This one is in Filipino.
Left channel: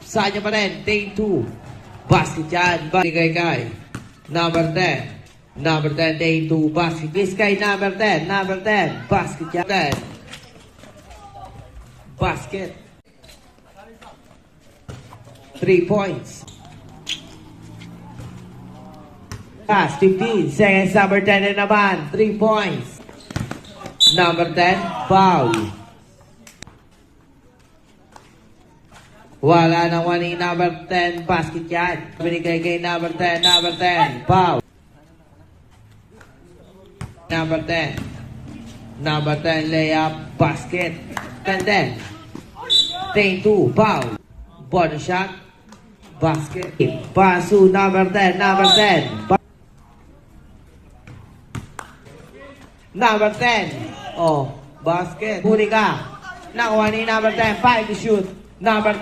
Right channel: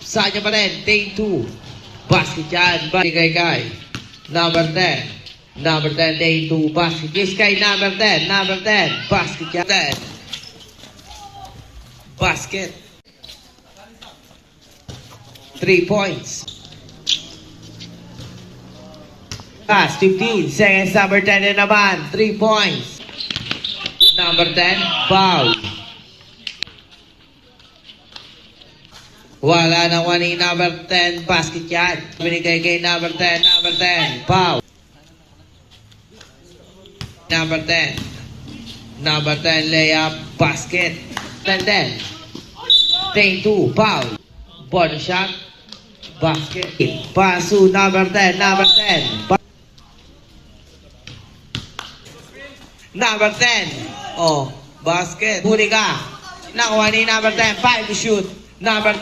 Saan niya pa rin? Take 2. Basket yan. Kay. Number 10. Number 10, take 2. Basket. Kiss kay number 10. Number 10. Basket yan. 10. Basket. 3 points. Pass, 15 seconds. Number 10 na naman. 3 points. Number 10, foul. Wala nang wani number 10, basket yan. Binigay kay number 10, number 10, foul. Number 10. Number 10, layup, basket. 10. Take 2, foul. Bonus shot, basket. Pasu, number 10, number 10. Number 10. Oh, basket. Huli ka. Nakuha ni number 10, 5 to shoot. Number 10.